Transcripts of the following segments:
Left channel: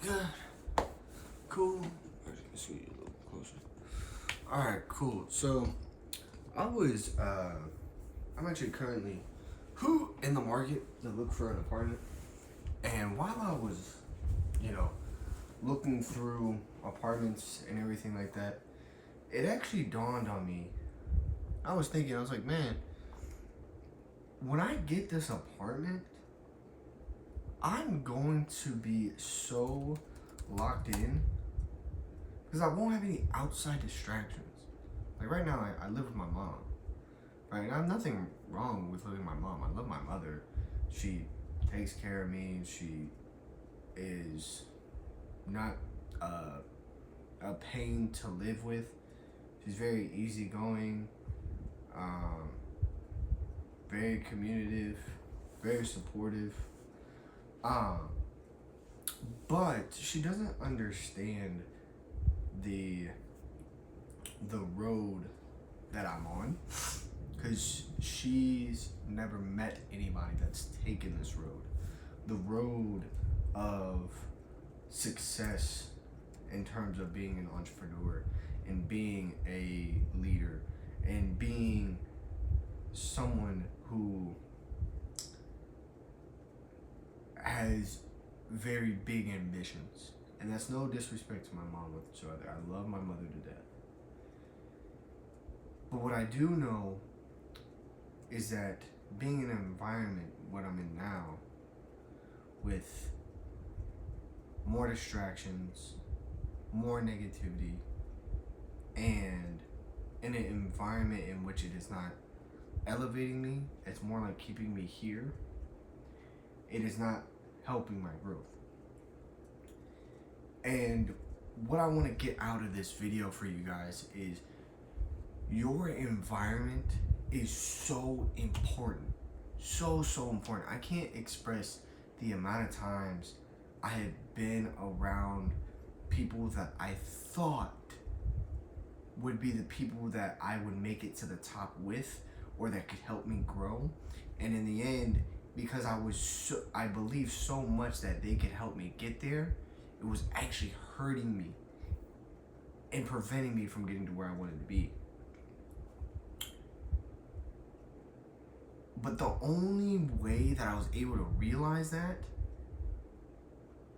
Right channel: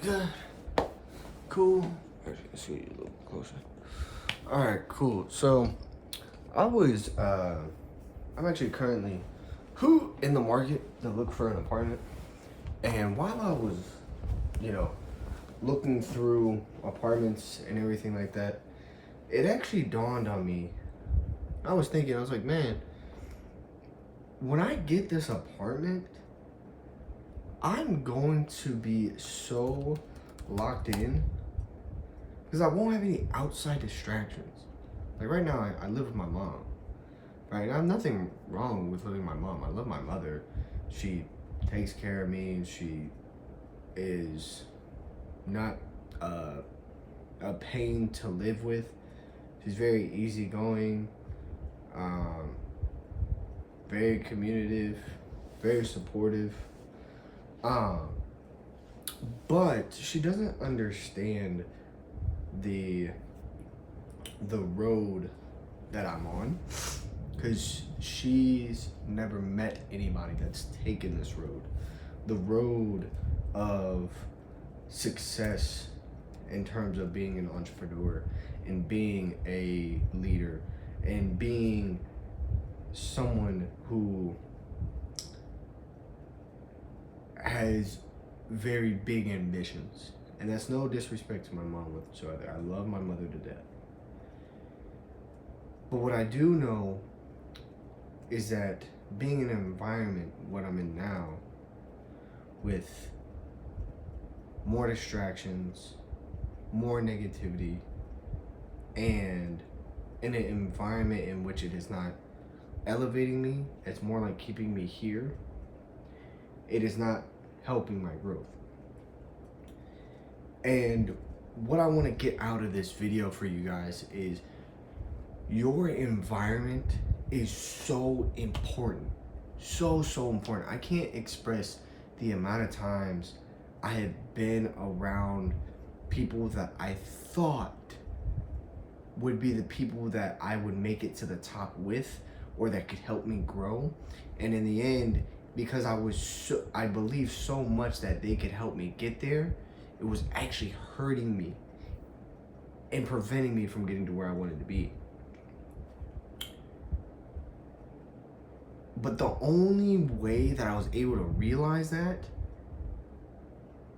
good. Cool. Let's see a little closer. All right, cool. So, I'm actually currently in the market to look for an apartment. And while I was, looking through apartments and everything like that, it actually dawned on me. I was like, man, when I get this apartment, I'm going to be so locked in because I won't have any outside distractions. Like right now, I live with my mom, right? And I have nothing wrong with living with my mom. I love my mother. She takes care of me. She is not a pain to live with. She's very easygoing, very communicative, very supportive. But she doesn't understand the road that I'm on, because she's never met anybody that's taken this road, the road of success in terms of being an entrepreneur and being a leader and being someone who has very big ambitions. And that's no disrespect to my mom whatsoever. I love my mother to death. But what I do know is that being in an environment, what I'm in now, with more distractions, more negativity, and in an environment in which it is not elevating me, it's more like keeping me here, it is not helping my growth. And what I want to get out of this video for you guys is your environment is so important. So important. I can't express the amount of times I have been around people that I thought would be the people that I would make it to the top with, or that could help me grow. And in the end, because I believed so much that they could help me get there, it was actually hurting me and preventing me from getting to where I wanted to be. But the only way that I was able to realize that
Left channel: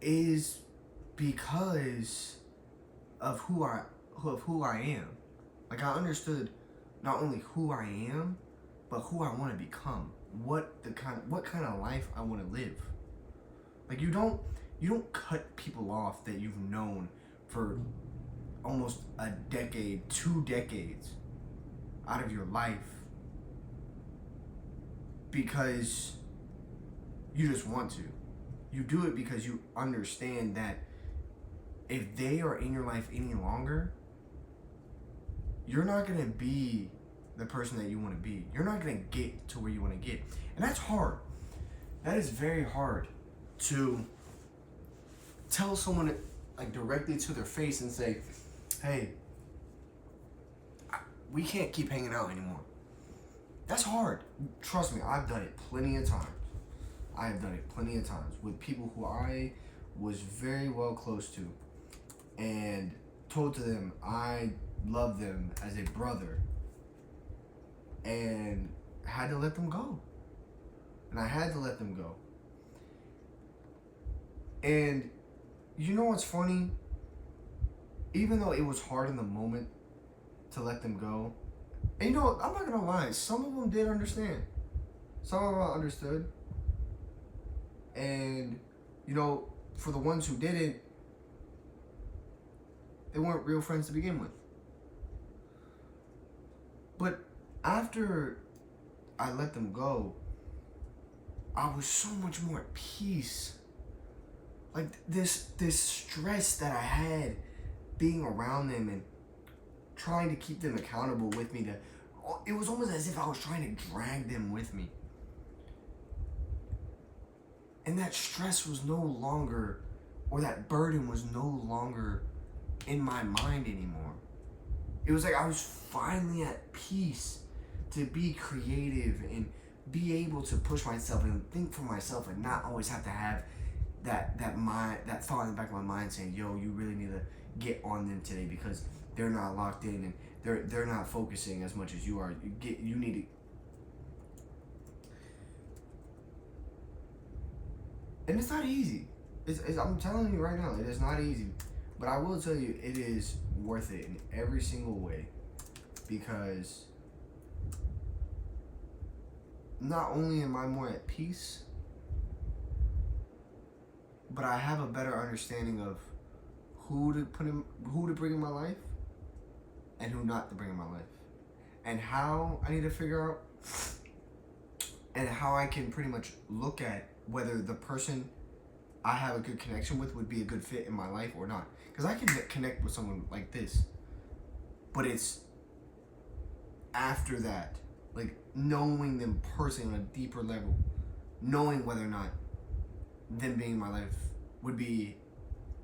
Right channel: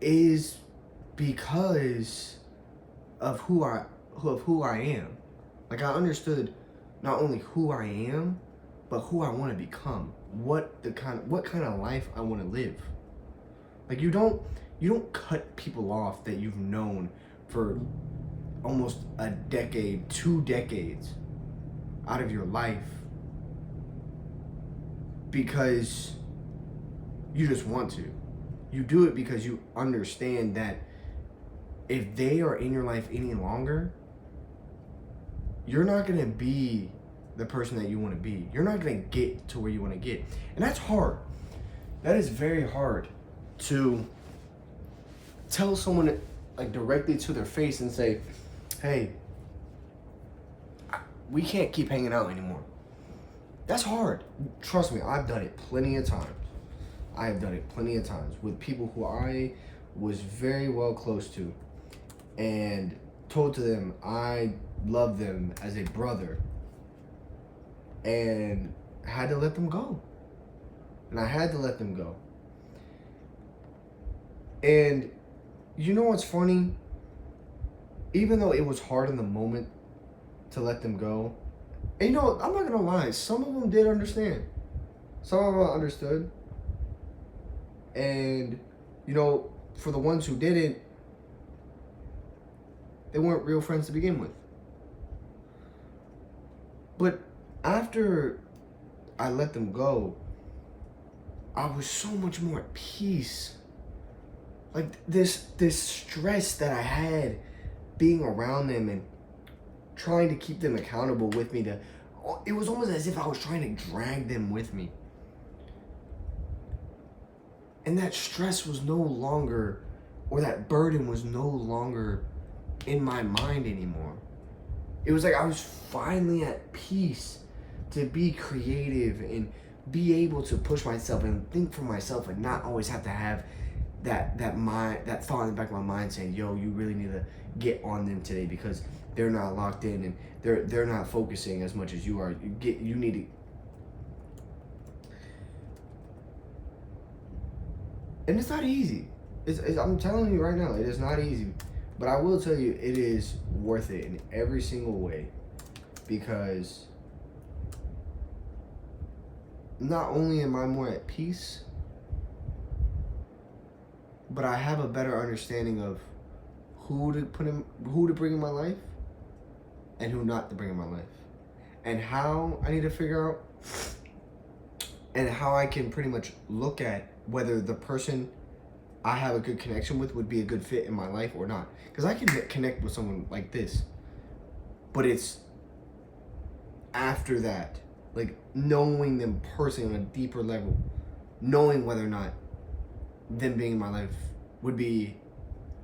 is because of who I am. Like, I understood not only who I am, but who I want to become. What kind of life I want to live. Like, you don't cut people off that you've known for almost a decade, 2 decades out of your life because you just want to. You do it because you understand that if they are in your life any longer, you're not going to be the person that you want to be. You're not going to get to where you want to get. And that's hard. That is very hard to tell someone, like, directly to their face and say, hey, we can't keep hanging out anymore. That's hard. Trust me, I've done it plenty of times. I have done it plenty of times with people who I was very well close to and told to them I love them as a brother, and had to let them go. And I had to let them go. And you know what's funny? Even though it was hard in the moment to let them go, and you know, I'm not gonna lie, some of them did understand. Some of them understood. And, you know, for the ones who didn't, they weren't real friends to begin with. But after I let them go, I was so much more at peace. Like, this stress that I had being around them and trying to keep them accountable with me, it was almost as if I was trying to drag them with me. And that stress was no longer, or that burden was no longer in my mind anymore. It was like I was finally at peace to be creative and be able to push myself and think for myself and not always have to have that thought in the back of my mind saying, yo, you really need to get on them today because they're not locked in and they're not focusing as much as you are. You need to. And it's not easy. I'm telling you right now, it is not easy. But I will tell you, it is worth it in every single way, because not only am I more at peace, but I have a better understanding of who to bring in my life, and who not to bring in my life, and how I need to figure out, and how I can pretty much look at whether the person I have a good connection with would be a good fit in my life or not. Because I can connect with someone like this, but it's after that, like knowing them personally on a deeper level, knowing whether or not them being in my life would be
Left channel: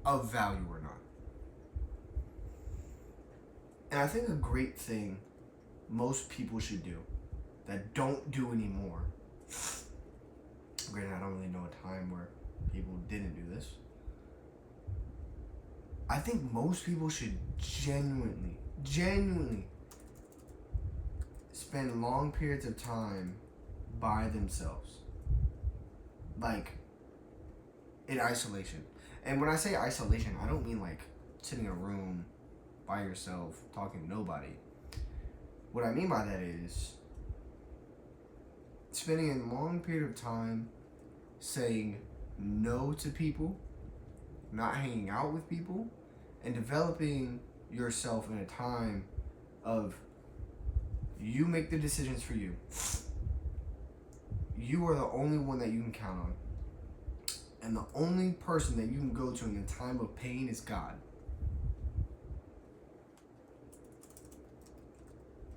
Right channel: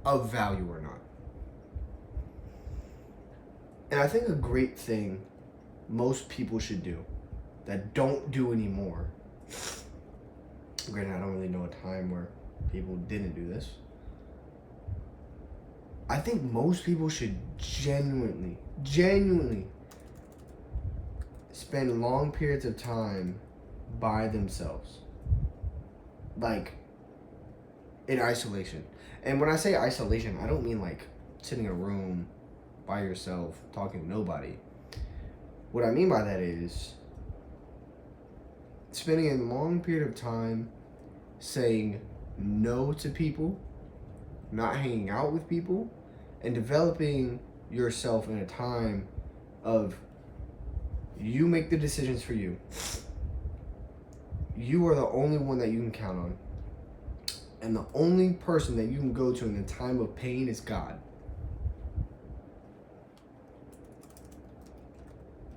of value or not. And I think a great thing most people should do that don't do anymore. Granted, I don't really know a time where people didn't do this. I think most people should genuinely spend long periods of time by themselves. Like, in isolation. And when I say isolation, I don't mean like sitting in a room by yourself, talking to nobody. What I mean by that is spending a long period of time saying no to people, not hanging out with people, and developing yourself in a time of you make the decisions for you. You are the only one that you can count on. And the only person that you can go to in a time of pain is God.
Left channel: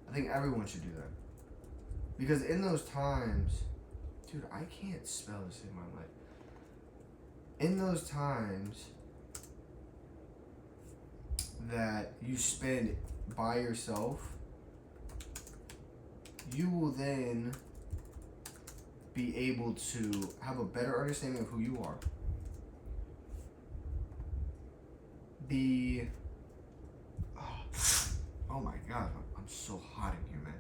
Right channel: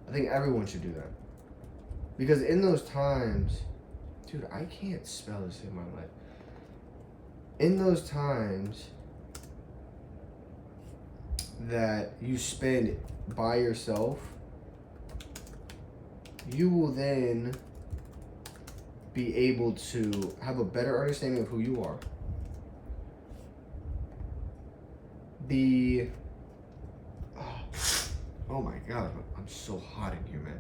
I think everyone should do that. Because in those times, dude, I can't spell this in my life. In those times that you spend by yourself, you will then be able to have a better understanding of who you are. Oh my God, I'm so hot in here, man.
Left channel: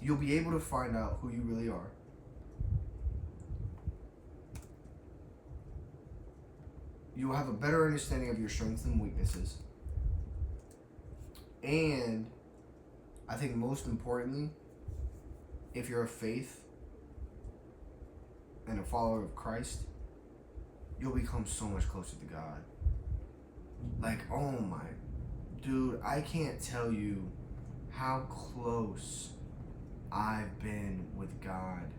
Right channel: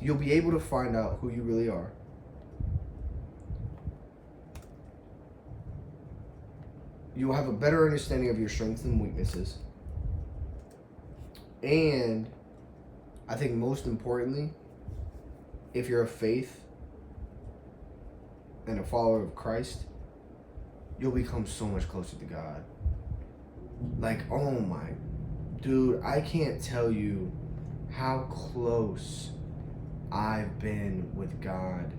You'll be able to find out who you really are. You'll have a better understanding of your strengths and weaknesses. And I think most importantly, if you're of faith and a follower of Christ, you'll become so much closer to God. Like, oh my, dude, I can't tell you how close I've been with God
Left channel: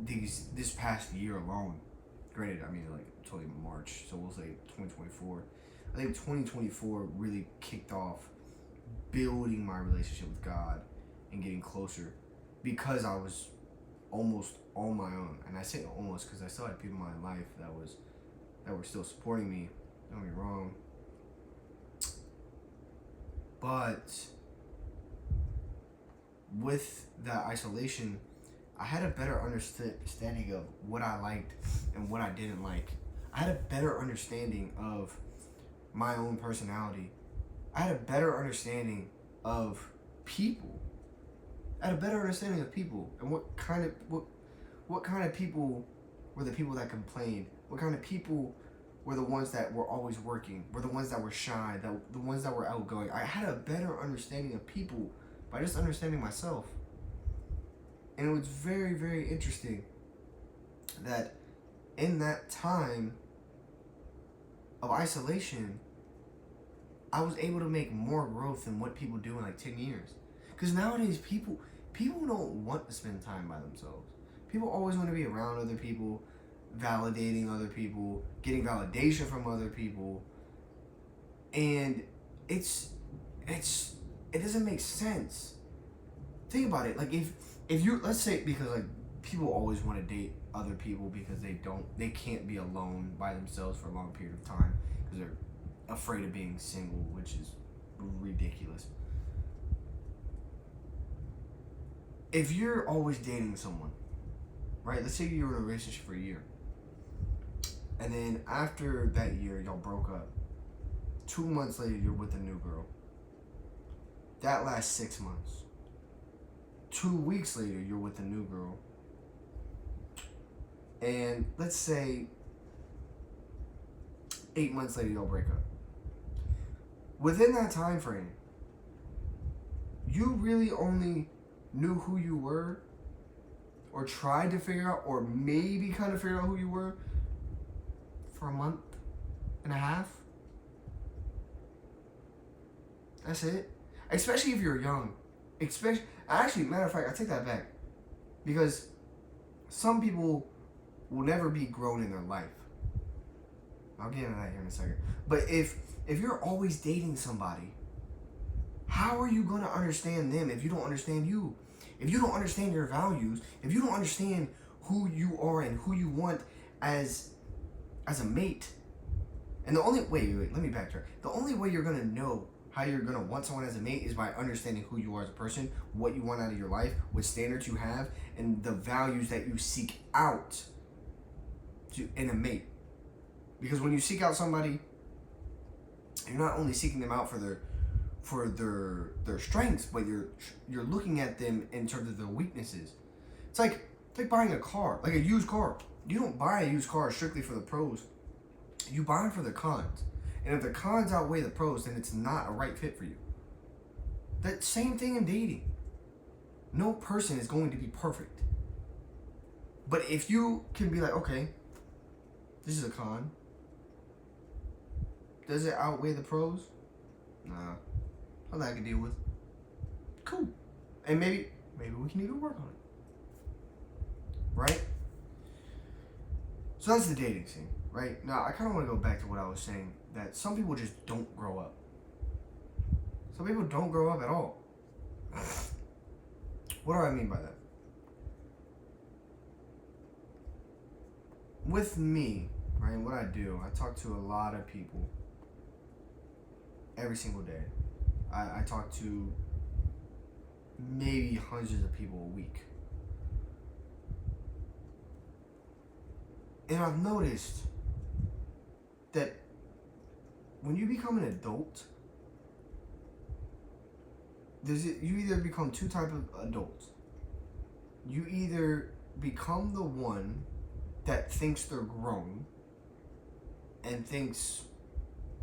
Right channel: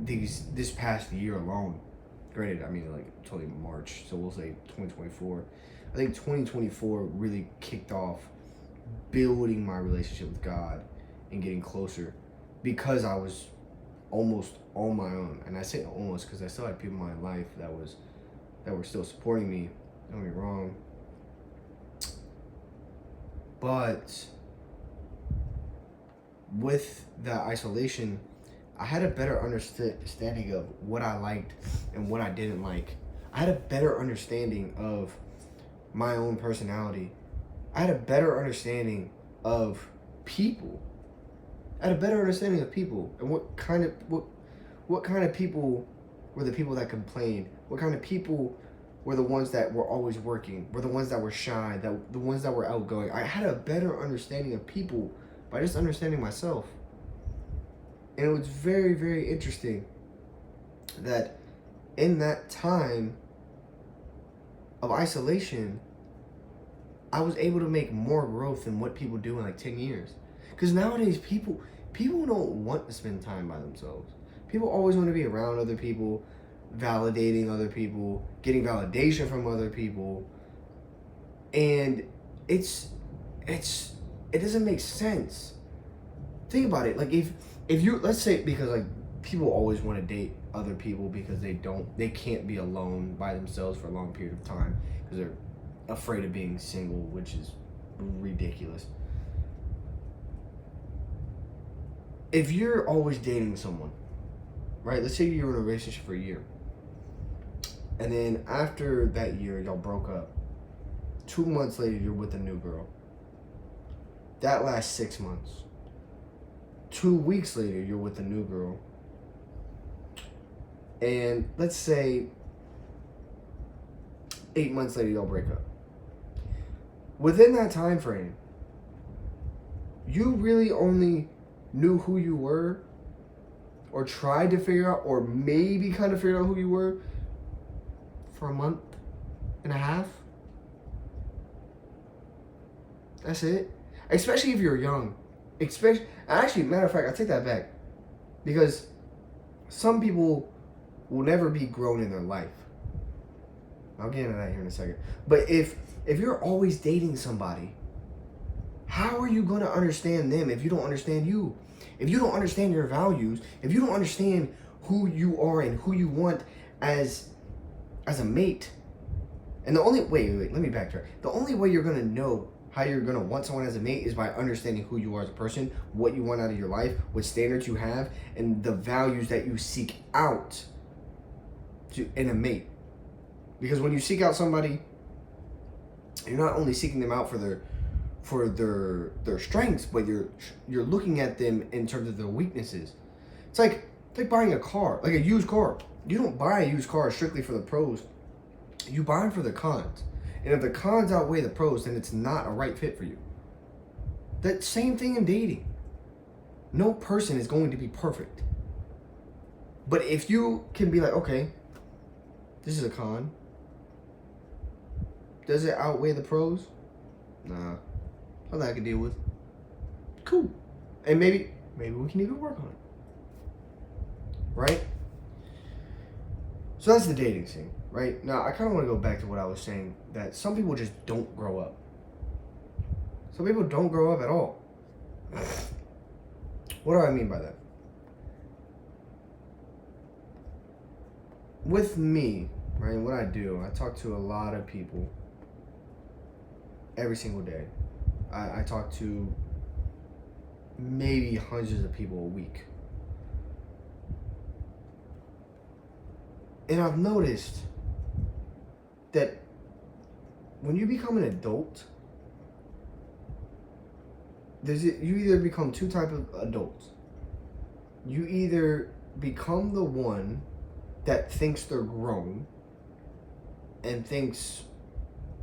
this past year alone. Granted, I mean, like, totally March, so we'll say 2024. I think 2024 really kicked off building my relationship with God and getting closer, because I was almost on my own. And I say almost because I still had people in my life that were still supporting me, don't get me wrong. But with that isolation, I had a better understanding of what I liked and what I didn't like. I had a better understanding of my own personality. I had a better understanding of people. I had a better understanding of people and what kind of people were the people that complained. What kind of people were the ones that were always working, were the ones that were shy, the ones that were outgoing. I had a better understanding of people by just understanding myself. And it was very, very interesting that in that time of isolation, I was able to make more growth than what people do in like 10 years. Because nowadays, people don't want to spend time by themselves. People always want to be around other people, validating other people, getting validation from other people. And it doesn't make sense. Think about it. Like, if you, let's say, because like people always want to date other people because they can't be alone by themselves for a long period of time because they're afraid of being single, which is ridiculous. If you're always dating someone right? Let's say you're in a relationship for a year. And then after that year, y'all broke up. 2 months later, you're with a new girl. That lasts 6 months. 2 weeks later, you're with a new girl. And let's say 8 months later, y'all break up. Within that time frame, you really only knew who you were, or tried to figure out, or maybe kind of figured out who you were for a month and a half. That's it. Especially if you're young. Actually, matter of fact, I take that back. Because some people will never be grown in their life. I'll get into that here in a second. But if you're always dating somebody, how are you going to understand them if you don't understand you? If you don't understand your values, if you don't understand who you are and who you want as a mate. And the only wait, let me backtrack. The only way you're going to know how you're going to want someone as a mate is by understanding who you are as a person, what you want out of your life, what standards you have, and the values that you seek out in a mate. Because when you seek out somebody, you're not only seeking them out for their strengths, but you're looking at them in terms of their weaknesses. It's like buying a car, like a used car. You don't buy a used car strictly for the pros. You buy them for the cons. And if the cons outweigh the pros, then it's not a right fit for you. That same thing in dating. No person is going to be perfect. But if you can be like, okay, this is a con. Does it outweigh the pros? Nah. Something I can deal with. Cool. And maybe we can even work on it. Right? So that's the dating scene, right? Now, I kind of want to go back to what I was saying, that some people just don't grow up. Some people don't grow up at all. What do I mean by that? With me, right, what I do, I talk to a lot of people every single day. I talk to maybe hundreds of people a week. And I've noticed that when you become an adult, you either become two types of adults. You either become the one that thinks they're grown and thinks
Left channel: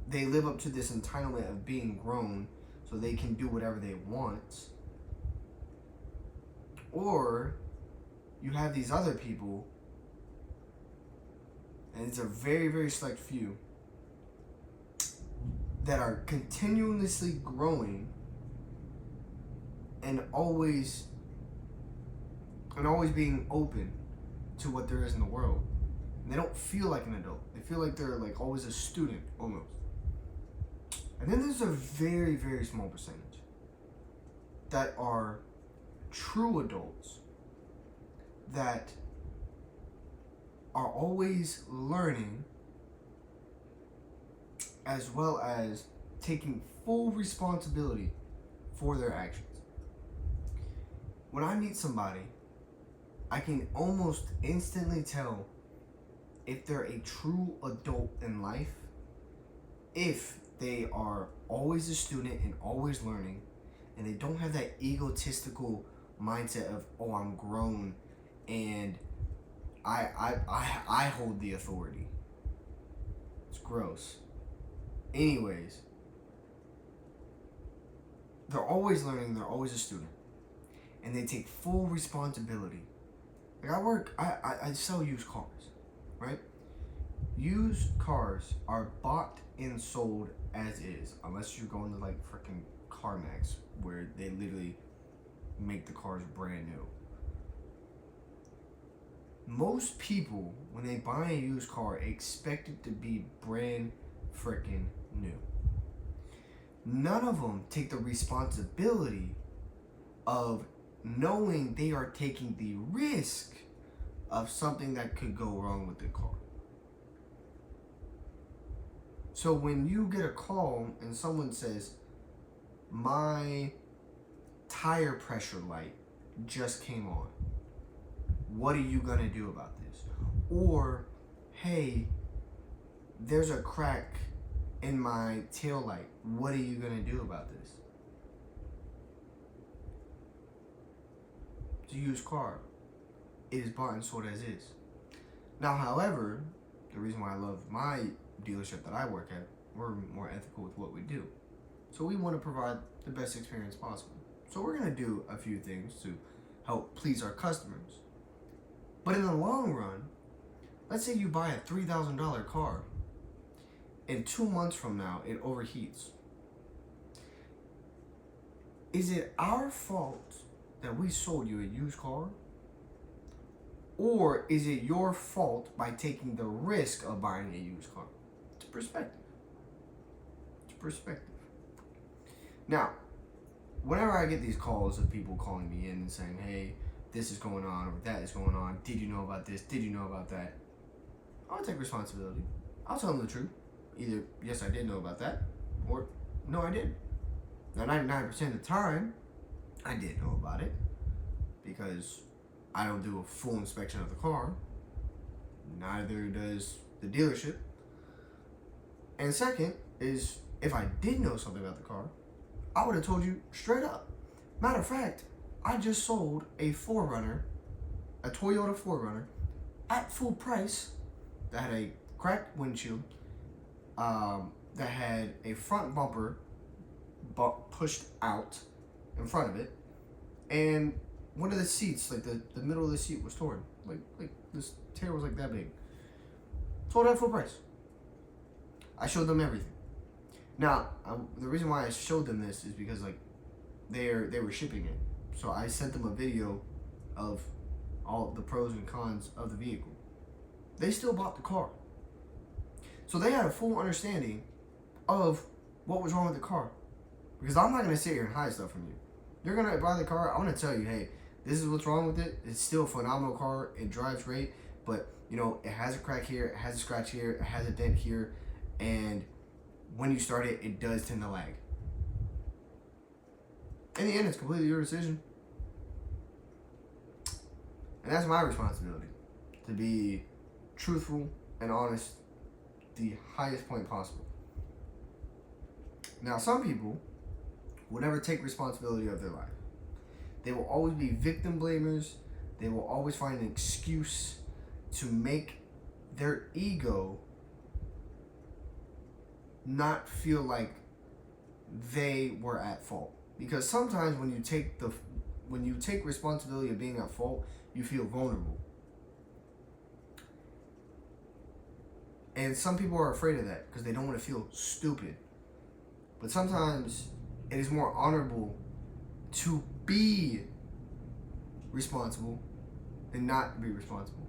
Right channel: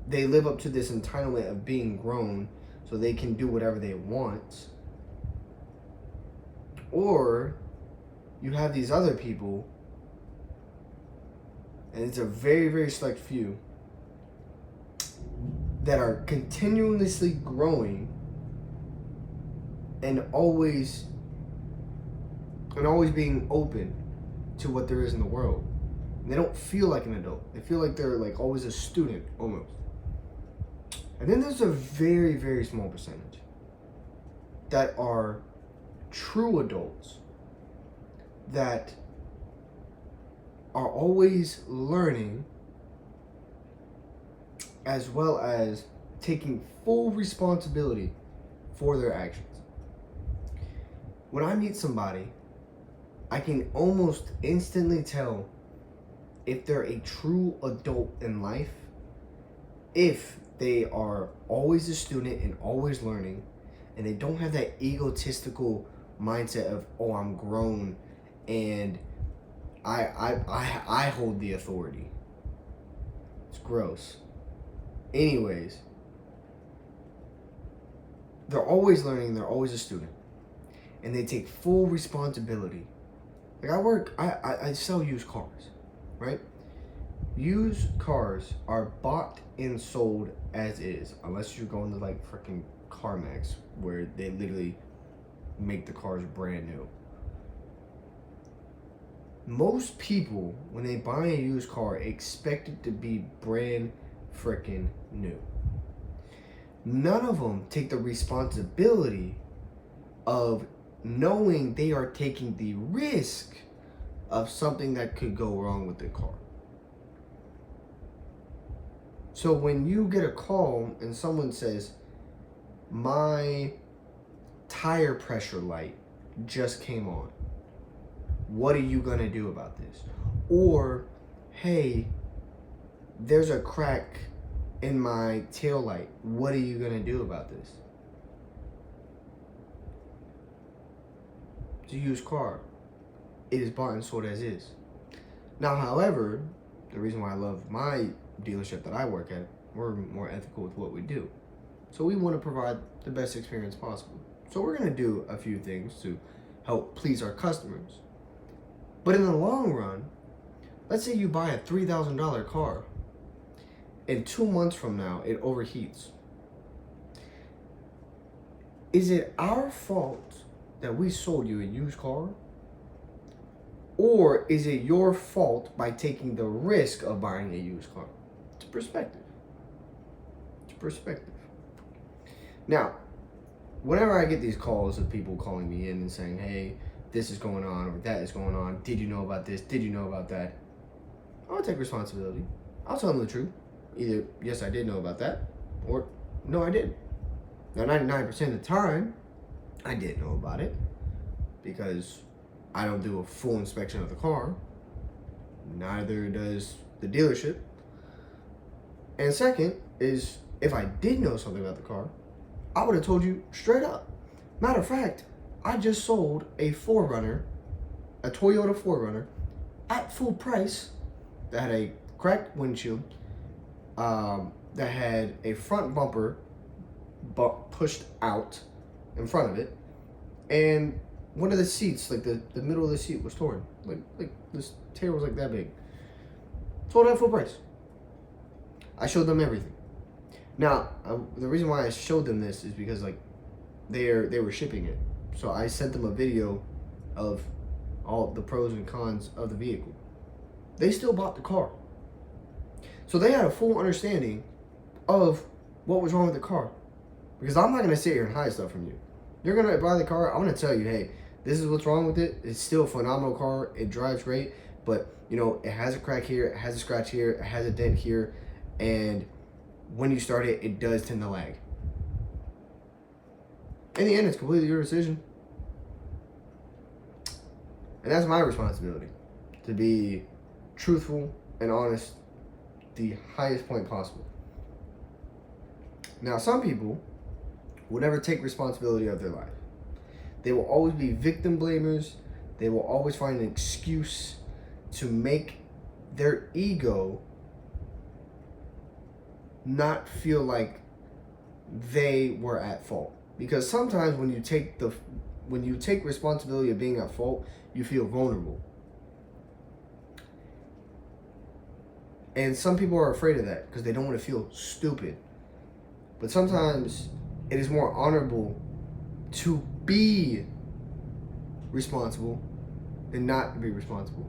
they live up to this entitlement of being grown so they can do whatever they want, or you have these other people, and it's a very, very select few, that are continuously growing and always being open to what there is in the world. And they don't feel like an adult. They feel like they're like always a student almost. And then there's a very, very small percentage that are true adults that are always learning, as well as taking full responsibility for their actions. When I meet somebody, I can almost instantly tell if they're a true adult in life, if they are always a student and always learning, and they don't have that egotistical mindset of, oh, I'm grown and I hold the authority. It's gross. Anyways, they're always learning, they're always a student, and they take full responsibility. Like I sell used cars, right? Used cars are bought and sold as is, unless you're going to like freaking CarMax, where they literally make the cars brand new. Most people, when they buy a used car, expect it to be brand freaking new. None of them take the responsibility of knowing they are taking the risk of something that could go wrong with the car. So when you get a call and someone says, my tire pressure light just came on, what are you gonna do about this? Or, hey, there's a crack in my tail light. What are you gonna do about this? It's a used car. It is bought and sold as is. Now, however, the reason why I love my dealership that I work at, we're more ethical with what we do. So we want to provide the best experience possible. So we're going to do a few things to help please our customers. But in the long run, let's say you buy a $3,000 car and 2 months from now it overheats. Is it our fault that we sold you a used car? Or is it your fault by taking the risk of buying a used car? It's perspective. It's perspective. Now, whenever I get these calls of people calling me in and saying, hey, this is going on or that is going on, did you know about this? Did you know about that? I'll take responsibility. I'll tell them the truth. Either, yes, I did know about that, or no, I didn't. Now, 99% of the time, I did know about it because I don't do a full inspection of the car. Neither does the dealership. And second is, if I did know something about the car, I would have told you straight up. Matter of fact, I just sold a 4Runner, a Toyota 4Runner, at full price that had a cracked windshield, that had a front bumper pushed out in front of it, and one of the seats, like the middle of the seat was torn. Like this tear was like that big. Sold at full price. I showed them everything. Now, the reason why I showed them this is because like they were shipping it. So I sent them a video of all the pros and cons of the vehicle. They still bought the car. So they had a full understanding of what was wrong with the car. Because I'm not going to sit here and hide stuff from you. You're going to buy the car, I'm going to tell you, hey, this is what's wrong with it. It's still a phenomenal car. It drives great. But, you know, it has a crack here. It has a scratch here. It has a dent here. And when you start it, it does tend to lag. In the end, it's completely your decision. And that's my responsibility. To be truthful and honest the highest point possible. Now, some people will never take responsibility of their life. They will always be victim blamers. They will always find an excuse to make their ego not feel like they were at fault. Because sometimes when you take responsibility of being at fault, you feel vulnerable. And some people are afraid of that because they don't want to feel stupid. But sometimes it is more honorable to be responsible than not to be responsible.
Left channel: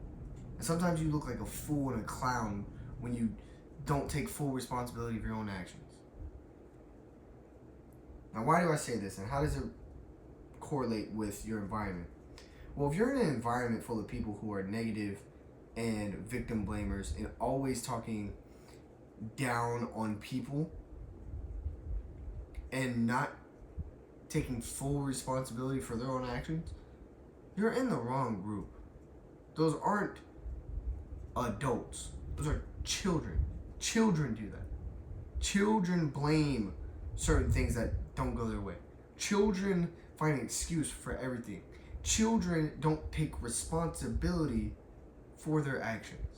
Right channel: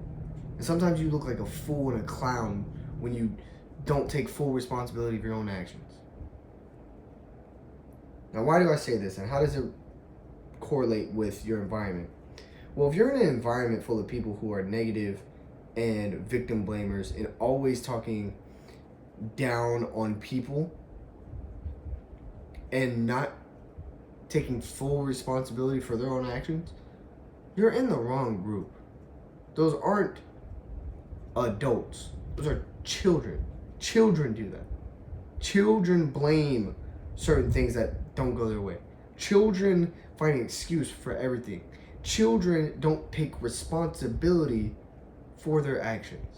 And sometimes you look like a fool and a clown when you don't take full responsibility of your own actions. Now, why do I say this, and how does it correlate with your environment? Well, if you're in an environment full of people who are negative and victim blamers and always talking down on people and not taking full responsibility for their own actions, you're in the wrong group. Those aren't adults. Those are children. Children do that. Children blame certain things that don't go their way. Children find an excuse for everything. Children don't take responsibility for their actions.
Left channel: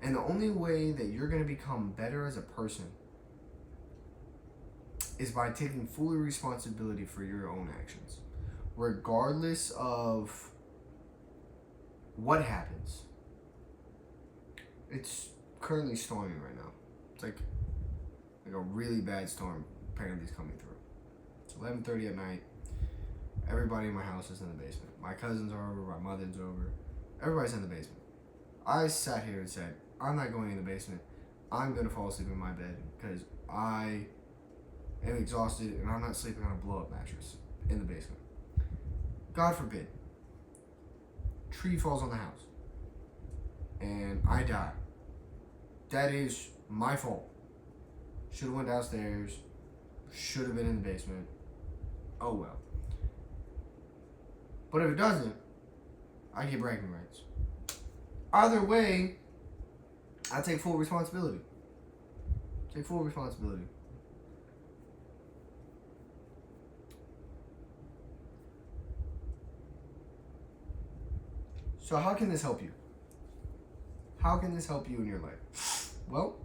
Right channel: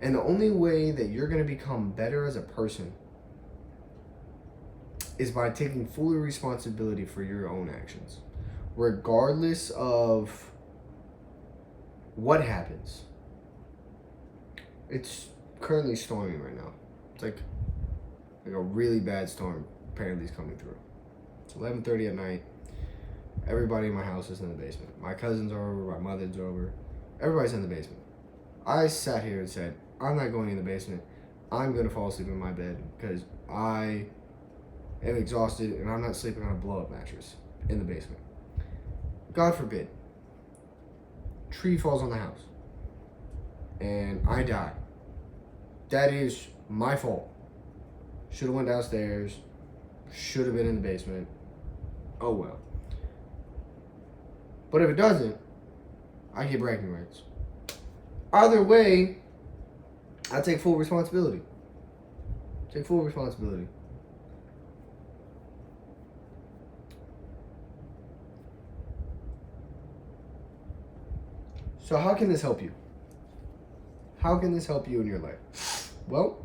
And the only way that you're going to become better as a person is by taking full responsibility for your own actions. Regardless of what happens. It's currently storming right now. It's like a really bad storm apparently is coming through. It's 11:30 at night. Everybody in my house is in the basement. My cousins are over, my mother's over. Everybody's in the basement. I sat here and said, I'm not going in the basement. I'm going to fall asleep in my bed because I am exhausted and I'm not sleeping on a blow-up mattress in the basement. God forbid. Tree falls on the house and I die. That is my fault. Should have went downstairs. Should have been in the basement. Oh well. But if it doesn't, I get bragging rights. Either way, I take full responsibility. Take full responsibility. So how can this help you? How can this help you in your life? Well,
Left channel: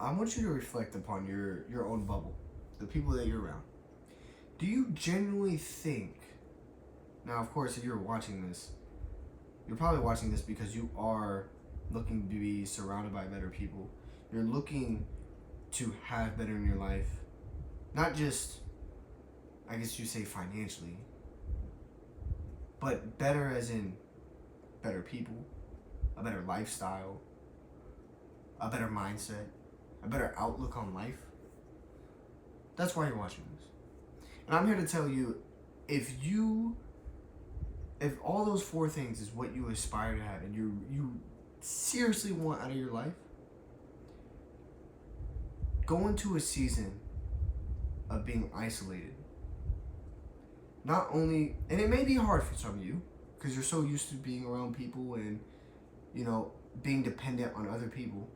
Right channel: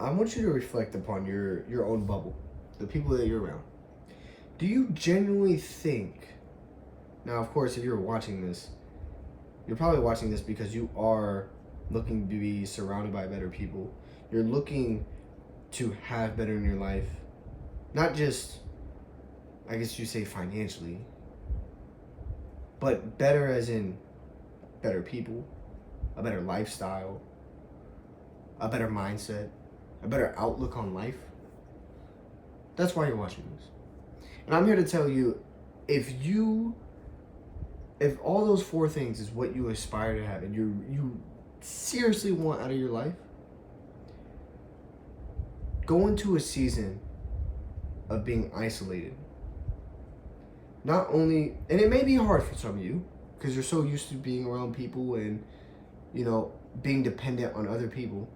I want you to reflect upon your own bubble, the people that you're around. Do you genuinely think, now of course if you're watching this, you're probably watching this because you are looking to be surrounded by better people. You're looking to have better in your life. Not just, I guess you say financially, but better as in better people, a better lifestyle, a better mindset, a better outlook on life. That's why you're watching this. And I'm here to tell you, if all those four things is what you aspire to have and you seriously want out of your life, go into a season of being isolated. Not only, and it may be hard for some of you because you're so used to being around people and, being dependent on other people.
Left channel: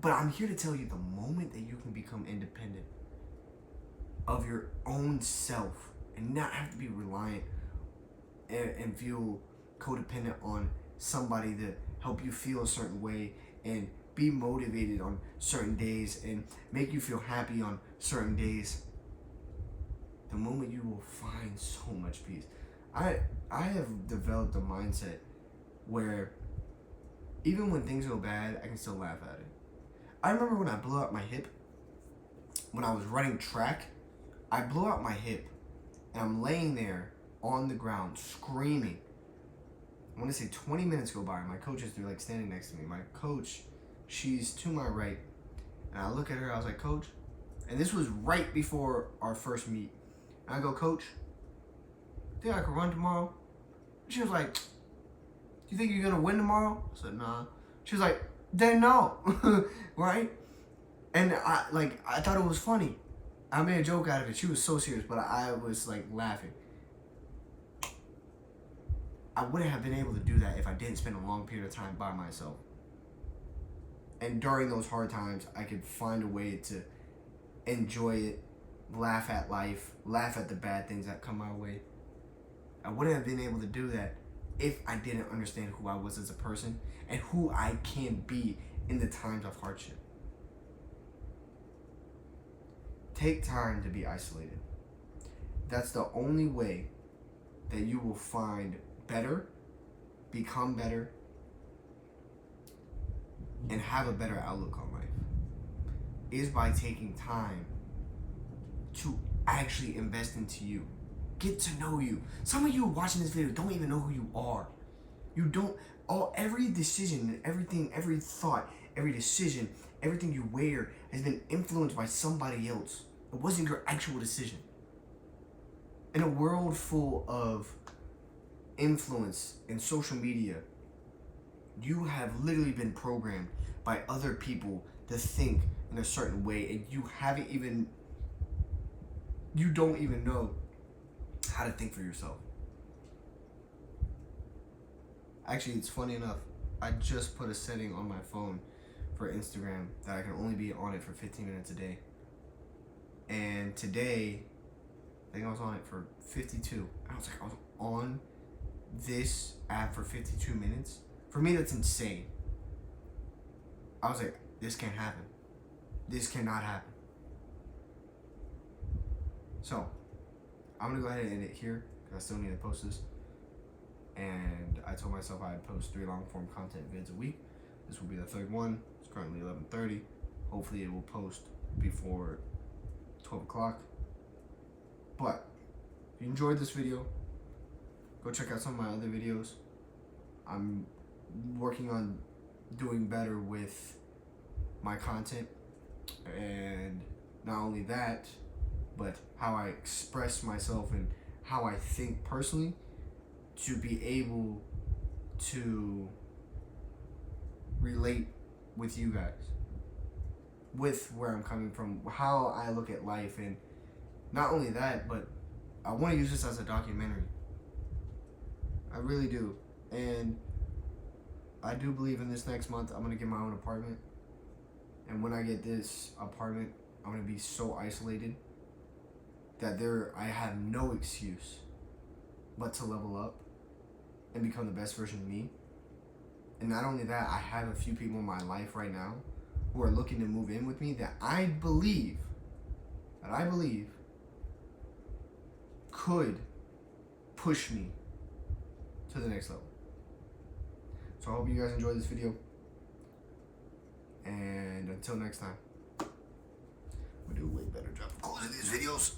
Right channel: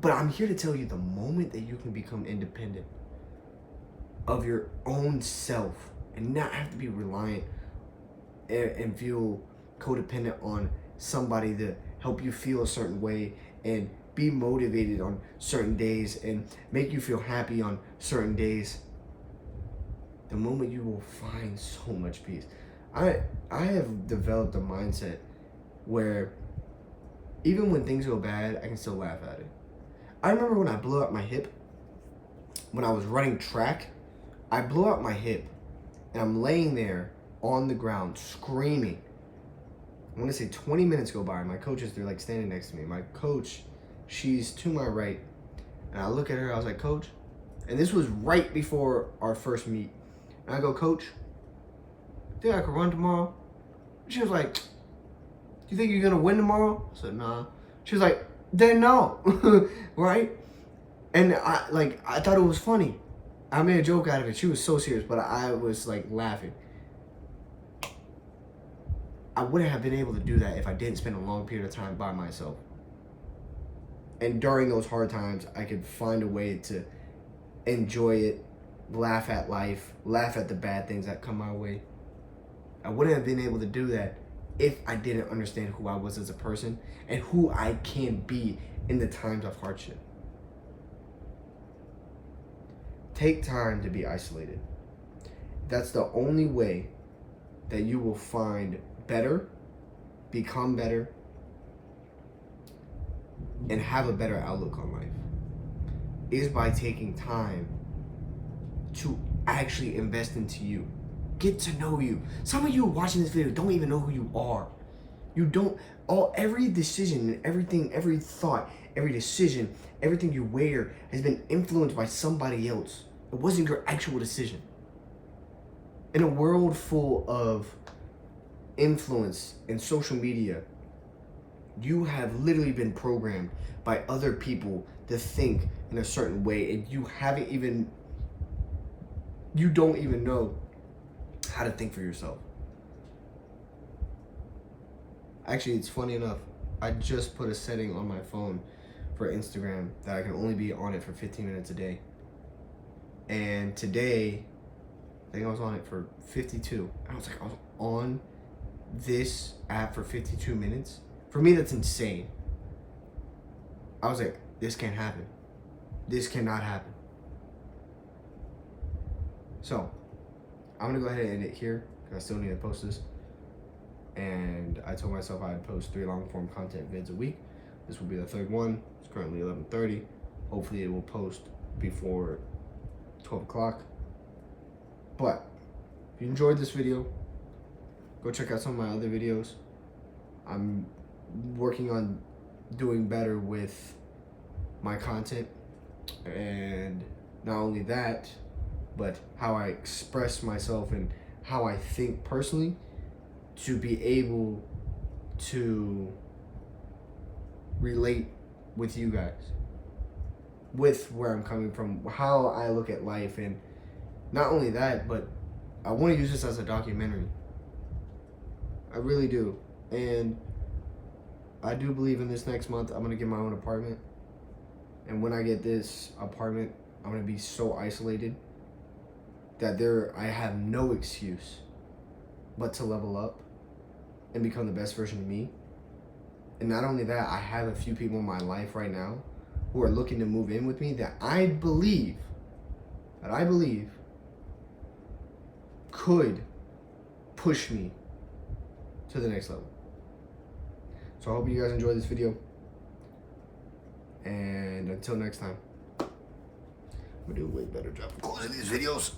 But I'm here to tell you, the moment that you can become independent of your own self and not have to be reliant and feel codependent on somebody to help you feel a certain way and be motivated on certain days and make you feel happy on certain days, the moment you will find so much peace. I have developed a mindset where even when things go bad, I can still laugh at it. I remember when I blew out my hip, when I was running track, I blew out my hip and I'm laying there on the ground screaming. I want to say 20 minutes go by. My coaches, they're like standing next to me. My coach, she's to my right. And I look at her, I was like, Coach, and this was right before our first meet. And I go, Coach, think I could run tomorrow? She was like, you think you're gonna win tomorrow? I said, nah. She was like, then no. Right? And I thought it was funny. I made a joke out of it. She was so serious, but I was like laughing. I wouldn't have been able to do that if I didn't spend a long period of time by myself. And during those hard times, I could find a way to enjoy it, laugh at life, laugh at the bad things that come my way. I wouldn't have been able to do that if I didn't understand who I was as a person and who I can be in the times of hardship. Take time to be isolated. That's the only way that you will find better, become better, and have a better outlook on life, is by taking time to actually invest into you. Get to know you. Some of you watching this video don't even know who you are. You don't, every decision and everything, every thought, every decision, everything you wear has been influenced by somebody else. It wasn't your actual decision. In a world full of influence and social media, you have literally been programmed by other people to think in a certain way, and you don't even know how to think for yourself. Actually, it's funny enough, I just put a setting on my phone for Instagram that I can only be on it for 15 minutes a day. And today, I think I was on it for 52. I was on this app for 52 minutes. For me, that's insane. I was like, this can't happen. This cannot happen. So, I'm gonna go ahead and end it here because I still need to post this. And I told myself I'd post 3 long form content vids a week. This will be the third one. It's currently 11:30. Hopefully it will post before 12 o'clock. But if you enjoyed this video, go check out some of my other videos. I'm working on doing better with my content, and not only that, but how I express myself and how I think personally, to be able to relate with you guys, with where I'm coming from, how I look at life, and Not only that, but I want to use this as a documentary. I really do. And I do believe in this next month I'm going to get my own apartment. And when I get this apartment, I'm going to be so isolated that I have no excuse but to level up and become the best version of me. And not only that, I have a few people in my life right now who are looking to move in with me that I believe could push me to the next level. So I hope you guys enjoyed this video. And until next time, I'm gonna do a way better job of closing these videos.